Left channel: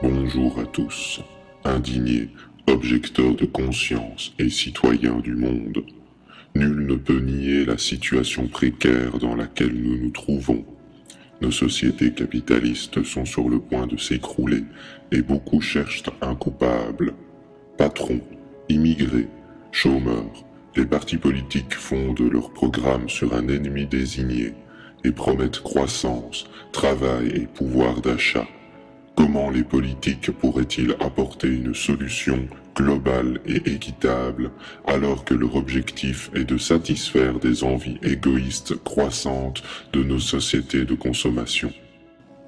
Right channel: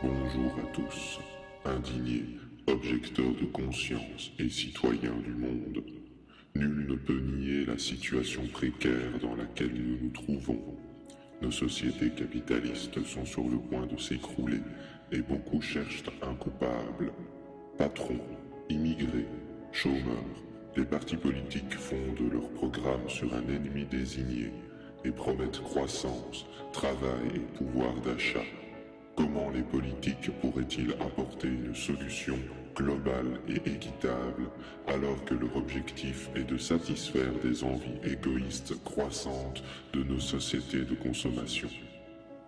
Bonjour à tous, indignés, objecteurs de conscience et citoyens du monde. Nul ne peut nier la situation précaire dans laquelle nous nous trouvons. Nos sociétés capitalistes sont sur le point de s'écrouler et beaucoup cherchent un coupable. Patrons, immigrés, chômeurs, les partis politiques fondent leurs programmes sur un ennemi désigné et promettent croissance, travail et pouvoir d'achat. Comment les politiques pourraient-ils apporter une solution globale et équitable alors que leur objectif est de satisfaire des envies égoïstes croissantes de nos sociétés de consommation?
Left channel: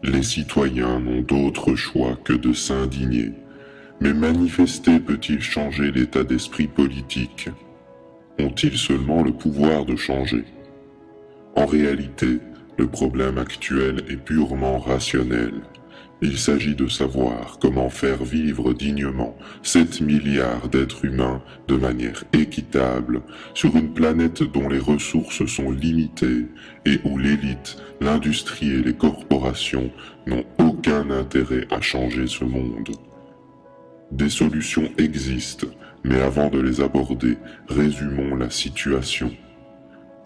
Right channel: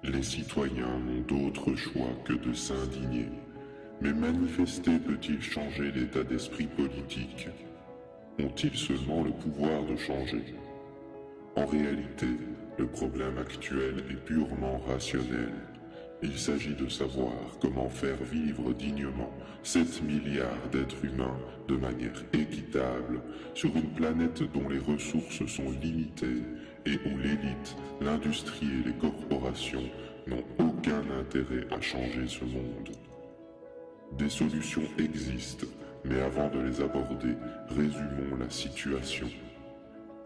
Les citoyens n'ont d'autre choix que de s'indigner. Mais manifester peut-il changer l'état d'esprit politique? Ont-ils seulement le pouvoir de changer? En réalité, le problème actuel est purement rationnel. Il s'agit de savoir comment faire vivre dignement 7 milliards d'êtres humains de manière équitable sur une planète dont les ressources sont limitées et où l'élite, l'industrie et les corporations n'ont aucun intérêt à changer ce monde. Des solutions existent, mais avant de les aborder, résumons la situation.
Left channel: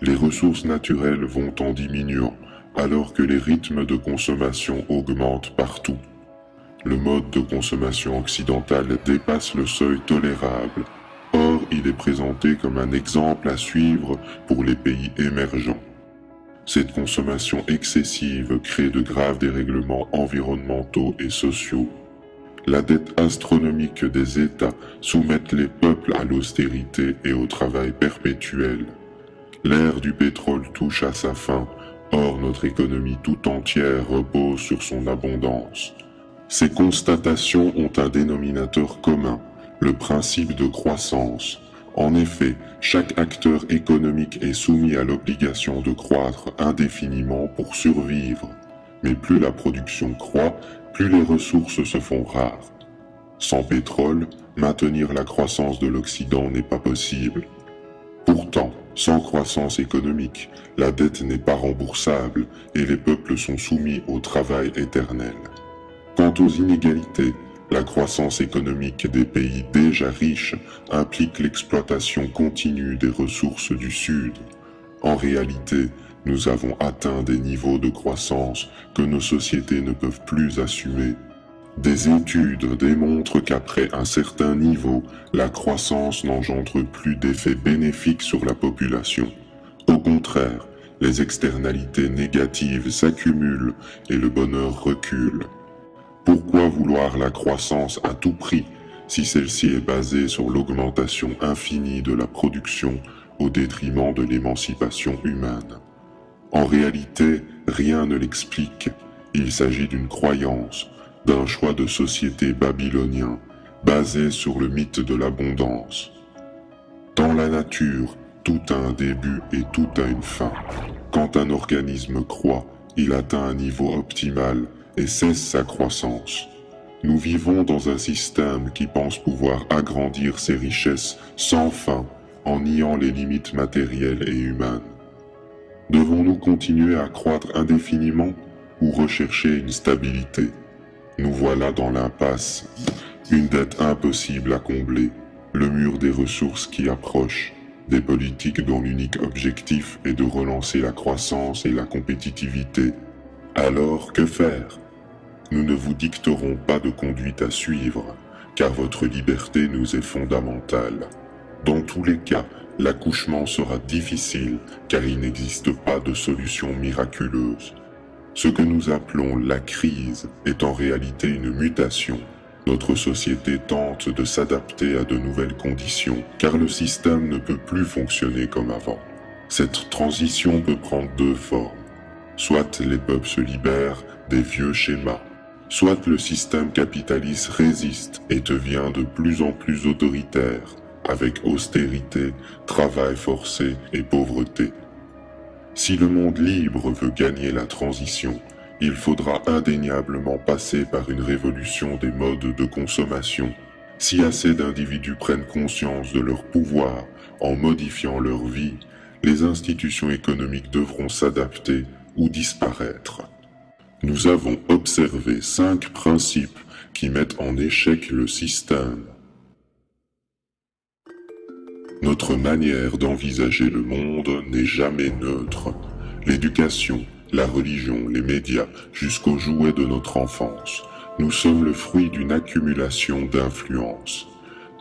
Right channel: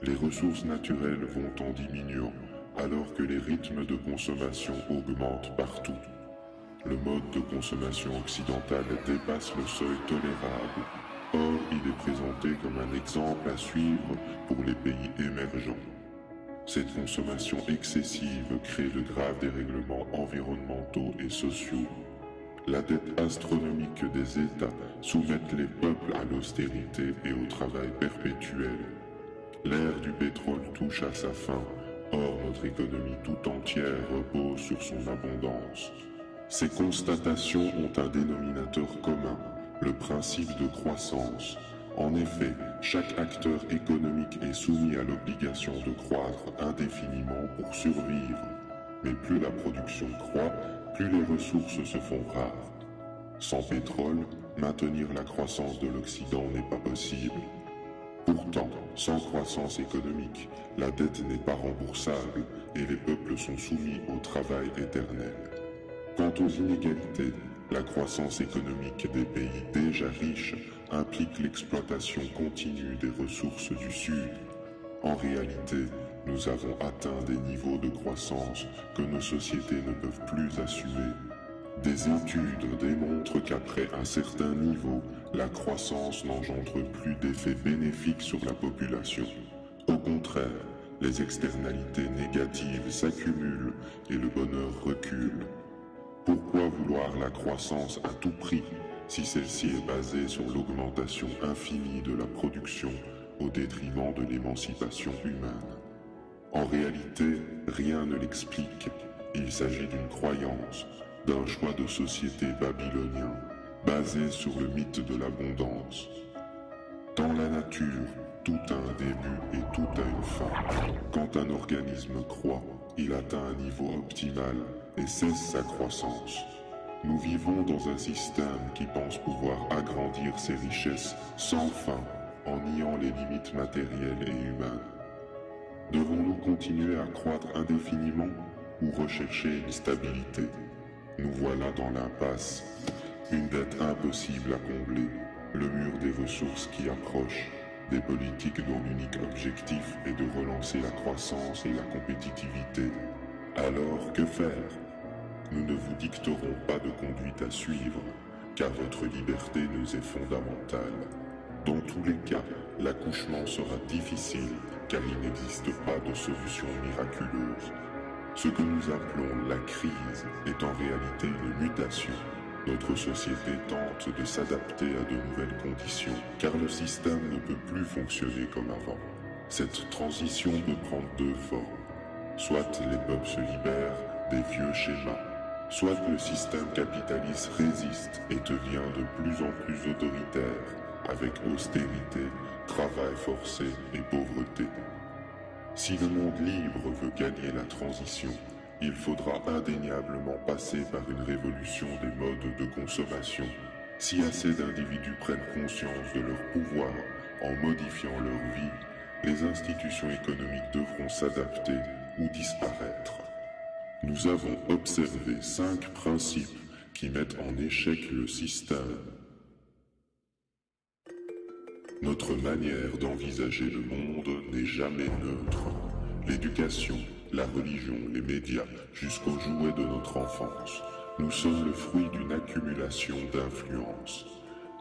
Les ressources naturelles vont en diminuant, alors que les rythmes de consommation augmentent partout. Le mode de consommation occidental dépasse le seuil tolérable. Or, il est présenté comme un exemple à suivre pour les pays émergents. Cette consommation excessive crée de graves dérèglements environnementaux et sociaux. La dette astronomique des États soumet les peuples à l'austérité et au travail perpétuel. L'ère du pétrole touche à sa fin. Or, notre économie tout entière repose sur son abondance. Ces constatations ont un dénominateur commun, le principe de croissance. En effet, chaque acteur économique est soumis à l'obligation de croître indéfiniment pour survivre. Mais plus la production croît, plus les ressources se font rares. Sans pétrole, maintenir la croissance de l'Occident n'est pas possible. Pourtant, sans croissance économique, la dette n'est pas remboursable et les peuples sont soumis au travail éternel. Quant aux inégalités, la croissance économique des pays déjà riches implique l'exploitation continue des ressources du Sud. En réalité, nous avons atteint des niveaux de croissance que nos sociétés ne peuvent plus assumer. Des études démontrent qu'après un certain niveau, la croissance n'engendre plus d'effets bénéfiques sur la population. Au contraire, les externalités négatives s'accumulent et le bonheur recule. Pourquoi vouloir la croissance à tout prix si celle-ci est basée sur l'augmentation infinie de la production au détriment de l'émancipation humaine? En réalité, rien ne l'explique. Il s'agit d'une croyance, d'un choix de société babylonien, basé sur le mythe de l'abondance. Dans la nature, tout a un début et tout a une fin. Quand un organisme croît, il atteint un niveau optimal et cesse sa croissance. Nous vivons dans un système qui pense pouvoir agrandir ses richesses sans fin en niant les limites matérielles et humaines. Devons-nous continuer à croître indéfiniment ou rechercher une stabilité? Nous voilà dans l'impasse, une dette impossible à combler, le mur des ressources qui approche, des politiques dont l'unique objectif est de relancer la croissance et la compétitivité. Alors, que faire? Nous ne vous dicterons pas de conduite à suivre, car votre liberté nous est fondamentale. Dans tous les cas, l'accouchement sera difficile, car il n'existe pas de solution miraculeuse. Ce que nous appelons la crise est en réalité une mutation. Notre société tente de s'adapter à de nouvelles conditions, car le système ne peut plus fonctionner comme avant. Cette transition peut prendre deux formes. Soit les peuples se libèrent des vieux schémas, soit le système capitaliste résiste et devient de plus en plus autoritaire, avec austérité, travail forcé et pauvreté. Si le monde libre veut gagner la transition, il faudra indéniablement passer par une révolution des modes de consommation. Si assez d'individus prennent conscience de leur pouvoir en modifiant leur vie, les institutions économiques devront s'adapter ou disparaître. Nous avons observé 5 principes qui mettent en échec le système. Notre manière d'envisager le monde n'est jamais neutre. L'éducation, la religion, les médias, jusqu'aux jouets de notre enfance, nous sommes le fruit d'une accumulation d'influences.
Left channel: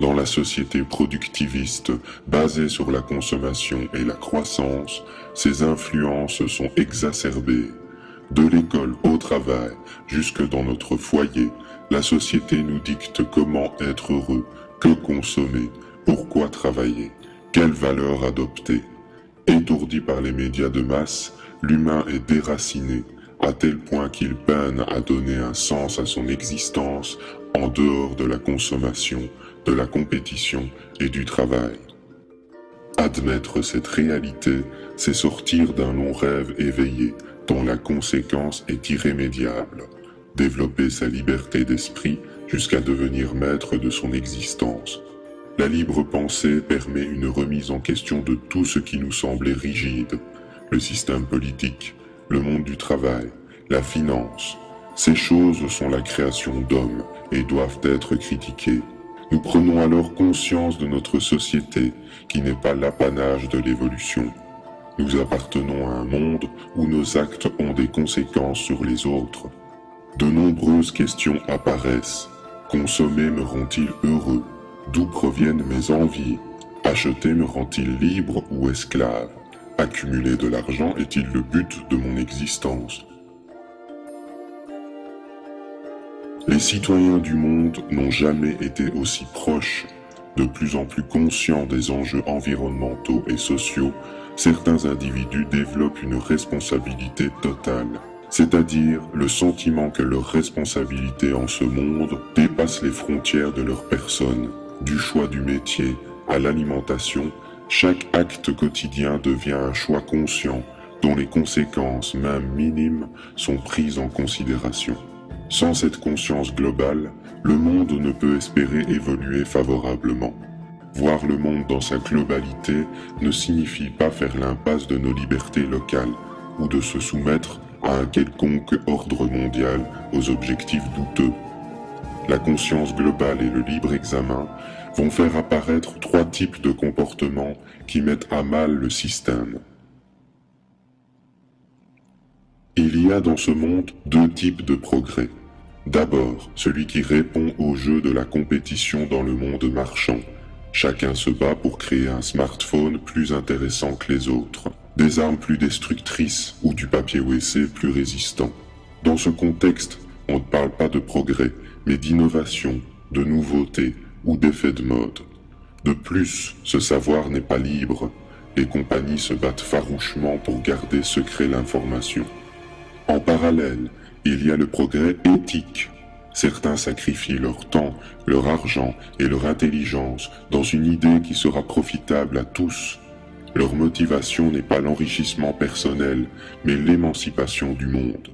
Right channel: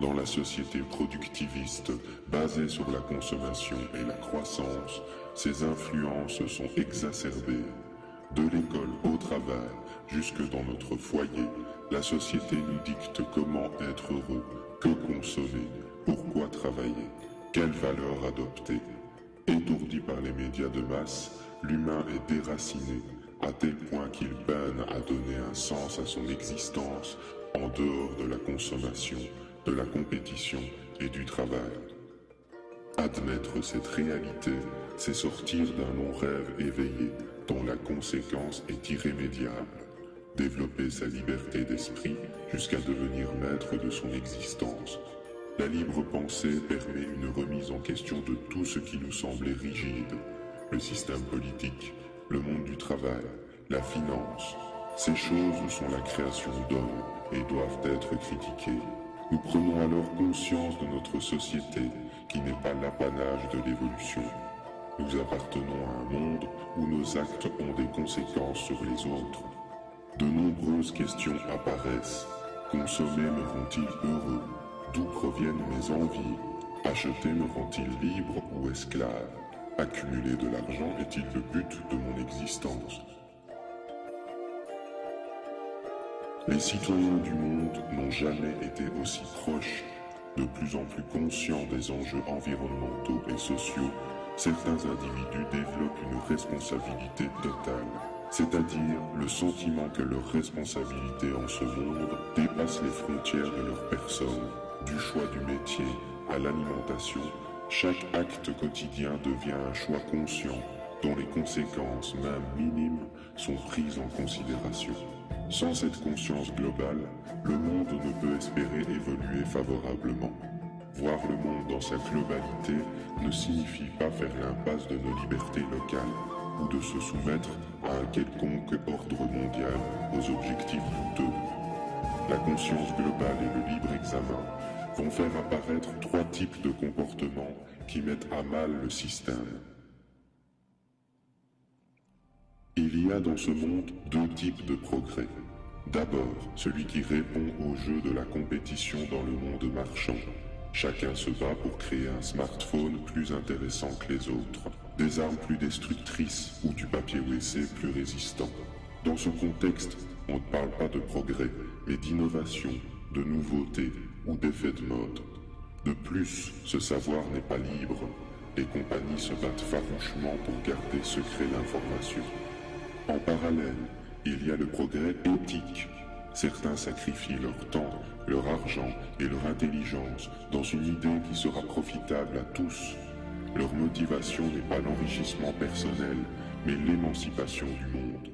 Dans la société productiviste, basée sur la consommation et la croissance, ces influences sont exacerbées. De l'école au travail, jusque dans notre foyer, la société nous dicte comment être heureux, que consommer, pourquoi travailler, quelles valeurs adopter. Étourdi par les médias de masse, l'humain est déraciné, à tel point qu'il peine à donner un sens à son existence en dehors de la consommation, de la compétition et du travail. Admettre cette réalité, c'est sortir d'un long rêve éveillé, dont la conséquence est irrémédiable. Développer sa liberté d'esprit jusqu'à devenir maître de son existence. La libre pensée permet une remise en question de tout ce qui nous semblait rigide. Le système politique, le monde du travail, la finance. Ces choses sont la création d'hommes et doivent être critiquées. Nous prenons alors conscience de notre société qui n'est pas l'apanage de l'évolution. Nous appartenons à un monde où nos actes ont des conséquences sur les autres. De nombreuses questions apparaissent. Consommer me rend-il heureux? D'où proviennent mes envies? Acheter me rend-il libre ou esclave? Accumuler de l'argent est-il le but de mon existence? Les citoyens du monde n'ont jamais été aussi proches. De plus en plus conscients des enjeux environnementaux et sociaux, certains individus développent une responsabilité totale, c'est-à-dire le sentiment que leur responsabilité en ce monde dépasse les frontières de leur personne. Du choix du métier à l'alimentation, chaque acte quotidien devient un choix conscient dont les conséquences, même minimes, sont prises en considération. Sans cette conscience globale, le monde ne peut espérer évoluer favorablement. Voir le monde dans sa globalité ne signifie pas faire l'impasse de nos libertés locales ou de se soumettre à un quelconque ordre mondial aux objectifs douteux. La conscience globale et le libre examen vont faire apparaître trois types de comportements qui mettent à mal le système. Il y a dans ce monde deux types de progrès. D'abord, celui qui répond au jeu de la compétition dans le monde marchand. Chacun se bat pour créer un smartphone plus intéressant que les autres, des armes plus destructrices ou du papier WC plus résistant. Dans ce contexte, on ne parle pas de progrès, mais d'innovation, de nouveauté ou d'effet de mode. De plus, ce savoir n'est pas libre. Les compagnies se battent farouchement pour garder secret l'information. En parallèle, il y a le progrès éthique. Certains sacrifient leur temps, leur argent et leur intelligence dans une idée qui sera profitable à tous. Leur motivation n'est pas l'enrichissement personnel, mais l'émancipation du monde.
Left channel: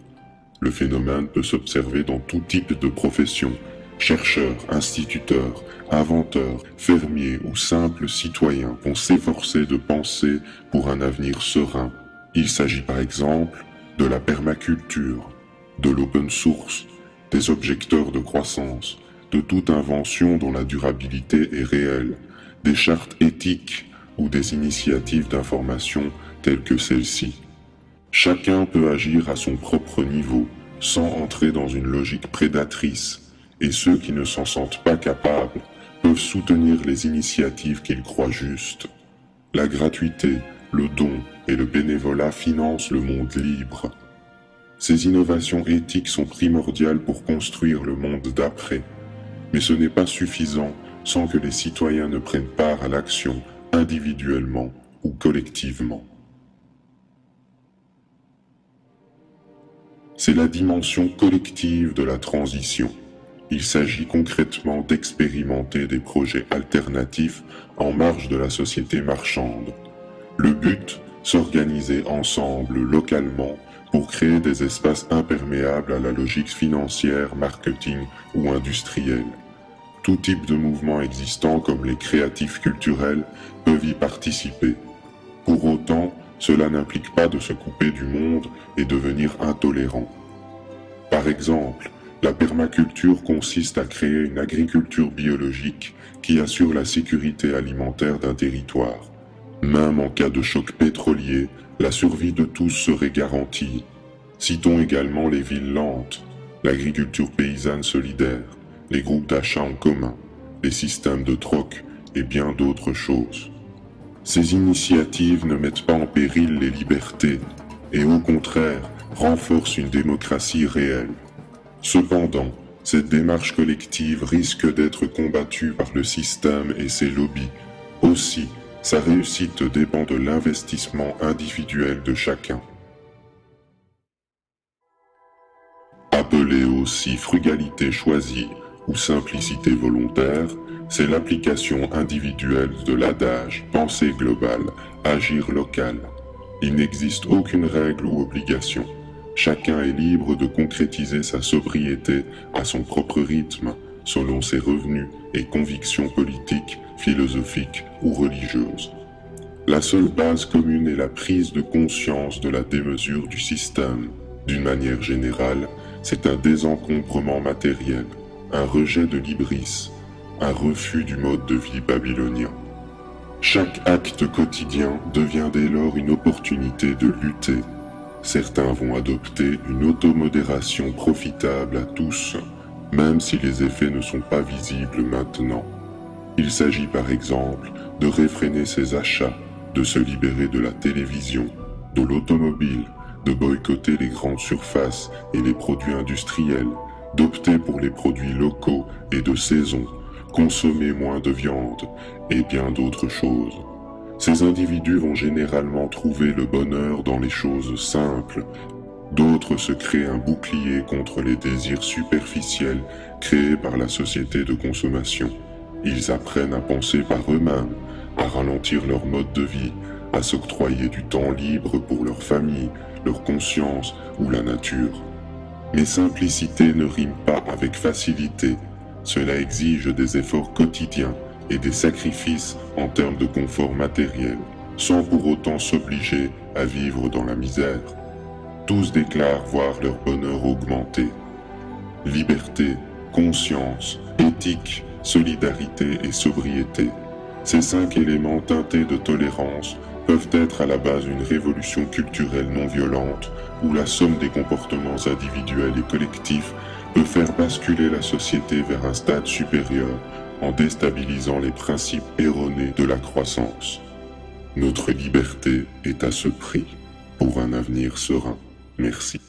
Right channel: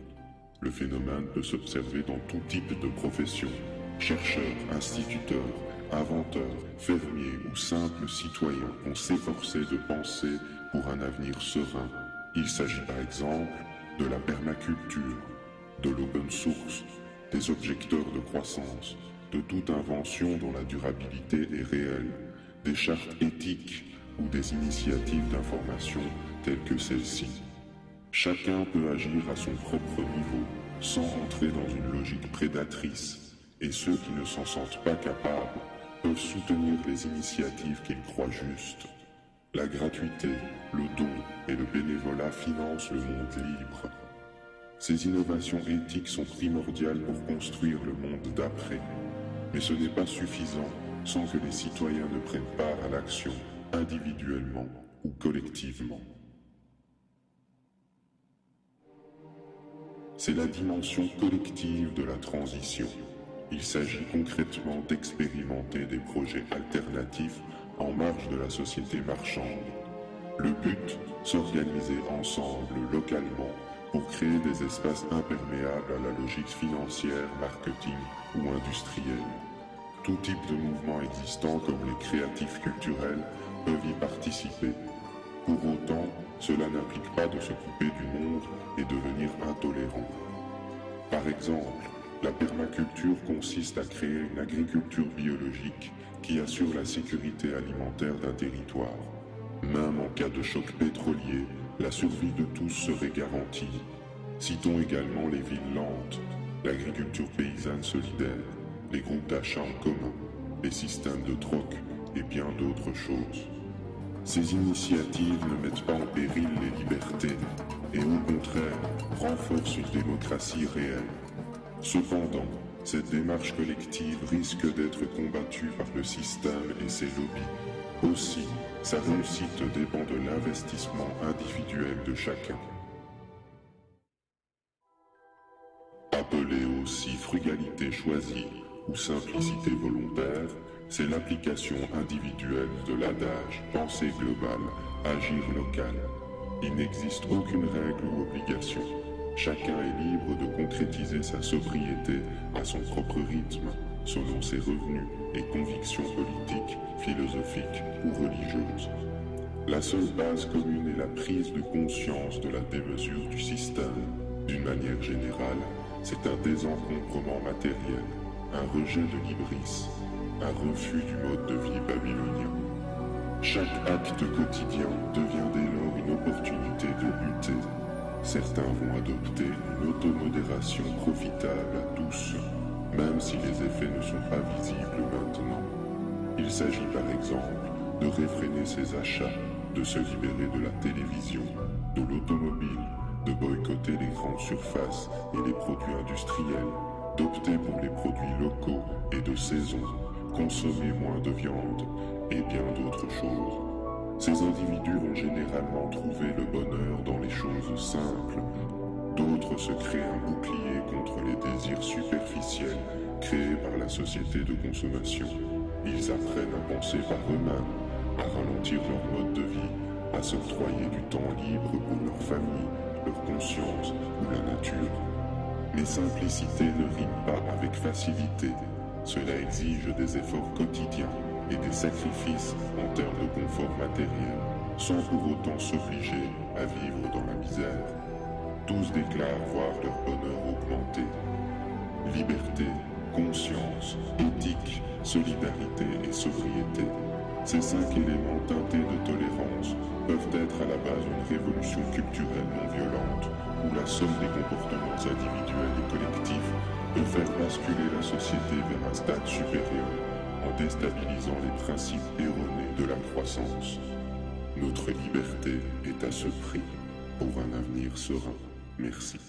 Le phénomène peut s'observer dans tout type de profession. Chercheurs, instituteurs, inventeurs, fermiers ou simples citoyens vont s'efforcer de penser pour un avenir serein. Il s'agit par exemple de la permaculture, de l'open source, des objecteurs de croissance, de toute invention dont la durabilité est réelle, des chartes éthiques ou des initiatives d'information telles que celle-ci. Chacun peut agir à son propre niveau, sans entrer dans une logique prédatrice, et ceux qui ne s'en sentent pas capables peuvent soutenir les initiatives qu'ils croient justes. La gratuité, le don et le bénévolat financent le monde libre. Ces innovations éthiques sont primordiales pour construire le monde d'après, mais ce n'est pas suffisant sans que les citoyens ne prennent part à l'action individuellement ou collectivement. C'est la dimension collective de la transition. Il s'agit concrètement d'expérimenter des projets alternatifs en marge de la société marchande. Le but, s'organiser ensemble localement pour créer des espaces imperméables à la logique financière, marketing ou industrielle. Tout type de mouvement existant comme les créatifs culturels peuvent y participer. Pour autant, cela n'implique pas de se couper du monde et devenir intolérant. Par exemple, La permaculture consiste à créer une agriculture biologique qui assure la sécurité alimentaire d'un territoire. Même en cas de choc pétrolier, la survie de tous serait garantie. Citons également les villes lentes, l'agriculture paysanne solidaire, les groupes d'achat en commun, les systèmes de troc et bien d'autres choses. Ces initiatives ne mettent pas en péril les libertés et au contraire renforcent une démocratie réelle. Cependant, cette démarche collective risque d'être combattue par le système et ses lobbies. Aussi, sa réussite dépend de l'investissement individuel de chacun. Appelée aussi frugalité choisie ou simplicité volontaire, c'est l'application individuelle de l'adage « penser global, agir local ». Il n'existe aucune règle ou obligation. Chacun est libre de concrétiser sa sobriété à son propre rythme, selon ses revenus et convictions politiques, philosophiques ou religieuses. La seule base commune est la prise de conscience de la démesure du système. D'une manière générale, c'est un désencombrement matériel, un rejet de l'hybris, un refus du mode de vie babylonien. Chaque acte quotidien devient dès lors une opportunité de lutter. Certains vont adopter une automodération profitable à tous, même si les effets ne sont pas visibles maintenant. Il s'agit par exemple de réfréner ses achats, de se libérer de la télévision, de l'automobile, de boycotter les grandes surfaces et les produits industriels, d'opter pour les produits locaux et de saison, consommer moins de viande et bien d'autres choses. Ces individus vont généralement trouver le bonheur dans les choses simples. D'autres se créent un bouclier contre les désirs superficiels créés par la société de consommation. Ils apprennent à penser par eux-mêmes, à ralentir leur mode de vie, à s'octroyer du temps libre pour leur famille, leur conscience ou la nature. Mais simplicité ne rime pas avec facilité. Cela exige des efforts quotidiens et des sacrifices en termes de confort matériel, sans pour autant s'obliger à vivre dans la misère. Tous déclarent voir leur bonheur augmenter. Liberté, conscience, éthique, solidarité et sobriété. Ces 5 éléments teintés de tolérance peuvent être à la base d'une révolution culturelle non violente où la somme des comportements individuels et collectifs peut faire basculer la société vers un stade supérieur en déstabilisant les principes erronés de la croissance. Notre liberté est à ce prix pour un avenir serein. Merci.